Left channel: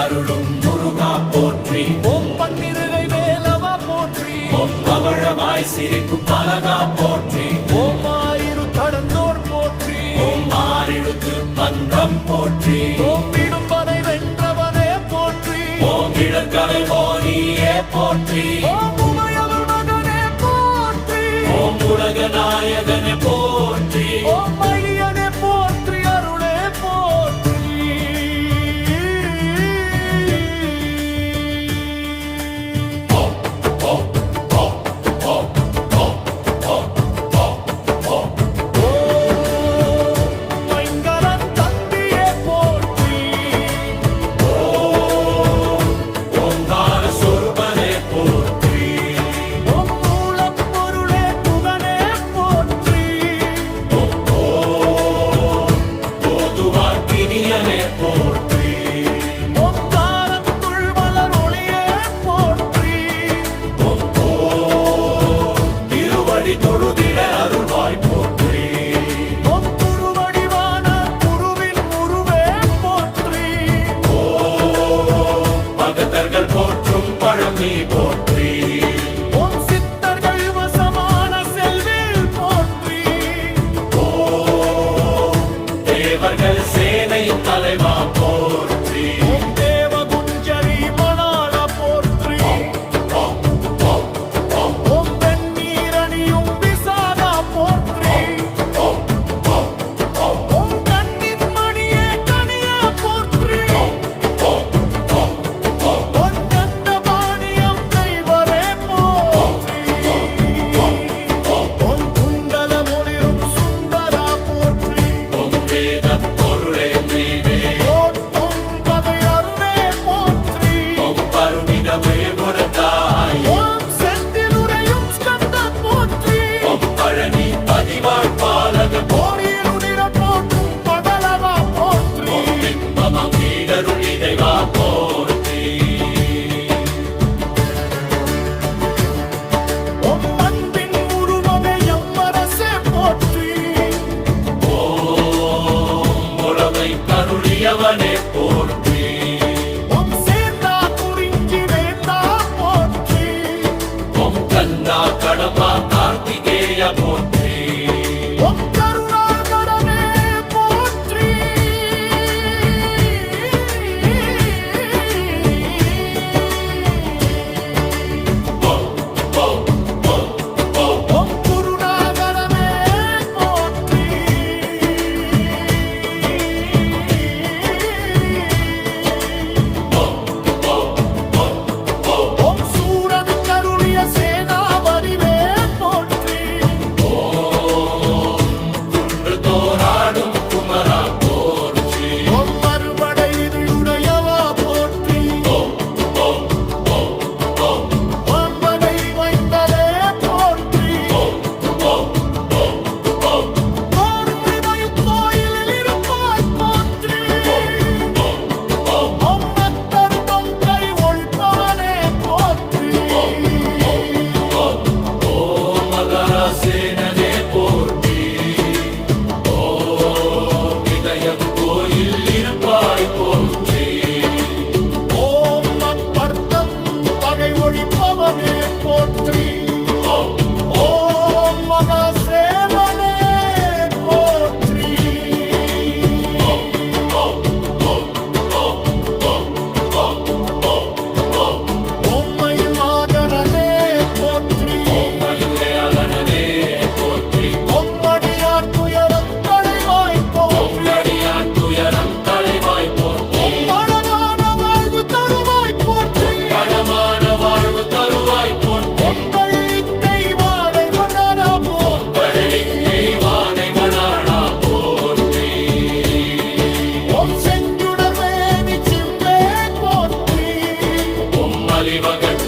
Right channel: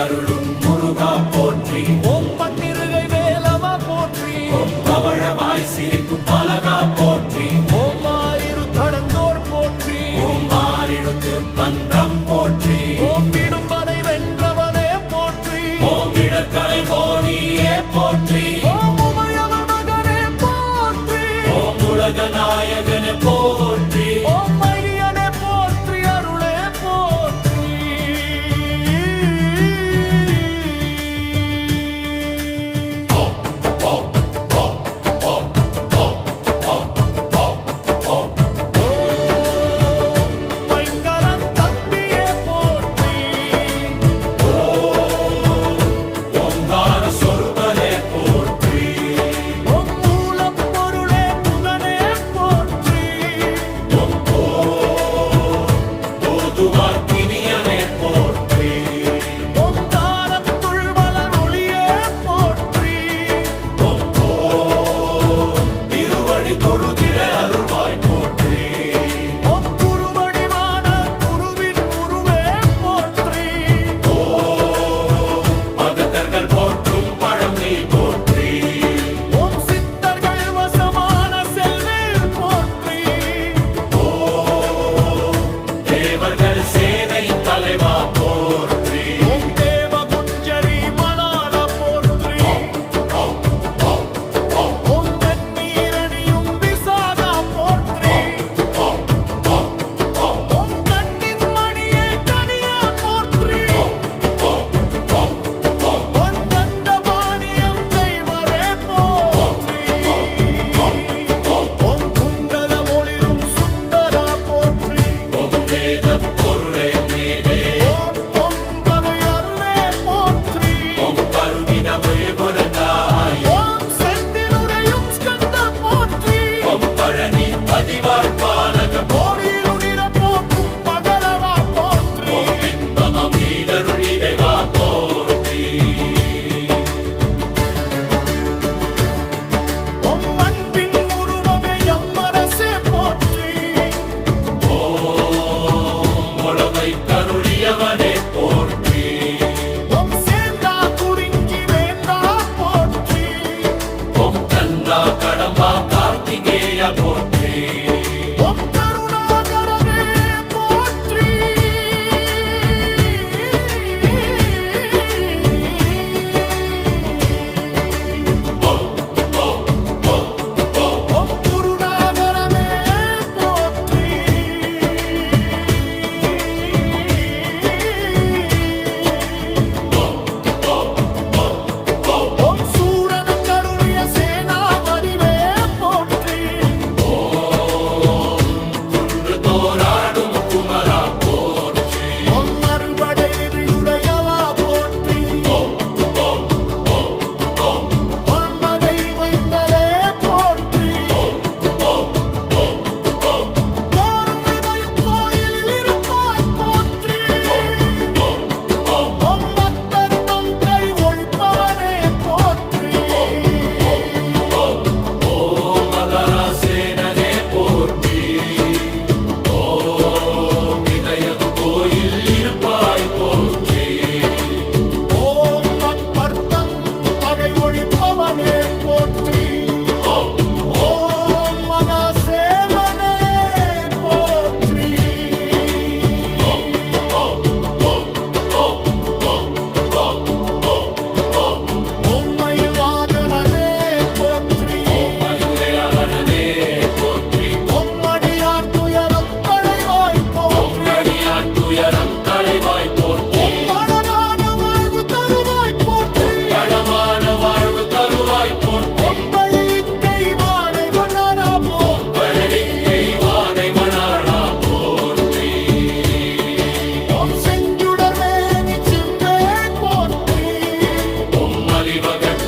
அருளும் முருகா போற்றி. ஓம் பன்னிருகை வேலவா போற்றி. ஓம் பவழவாய் சிரிக்கும் பலகா போற்றி. ஓம் ஆயிரு தடந்தோர் போற்றி. ஓம் ஆறிழுத்து மன்றம் போற்றி. ஓம் விடும்பனை வென்றவனே போற்றி. ஓம் இளங்கலை போனியே போற்றி. ஓம் உமையவள் மகனே போற்றி. ஓம் உலக நாயகனே போற்றி. ஓம் மழியனே போற்றி. அருளே போற்றி. போற்றும் பழமி போற்றி. ஓம் சித்தர்கள் வசமான செல்வேல் போற்றி. ஓம் தேவர்கள் சேனை தலைவா போற்றி. ஓம் தேவகுஞ்சரி மணாள போற்றி. ஓம் வெண்ணீரணியும் விசாகா போற்றி. ஓம் கண்ணின் மணியே கனியா போற்றி. போற்றி. ஓம் கருணாகரனே போற்றி. ஓம் குருநாகரனே போற்றி. ஓம் சூரனு கருளிய சேனா வடிவே போற்றி. சேனனே போற்றி. ஓம் இதய கோயில் இருப்பாய் போற்றி. ஓம் மக்பர்த்தம் பகை ஒழிப்பவனே போற்றி. ஓம் மகாசேவனே போற்றி. ஓம் மயில் வாகனனே போற்றி. அடியார் துயரம் களைவாய் போற்றி. அடியார் துயரம் களைவாய் போற்றி. பழமான வாழ்வு தருவாய் போற்றி. பழமான வாழ்வு தருவாய் போற்றி. ஒப்பழித்தை வாழை மணாளா போற்றி. வாழை மணாளா போற்றி. ஓம் செஞ்சுடர் வேணி சிம்மே போற்றி. ஓம் மலிவகட்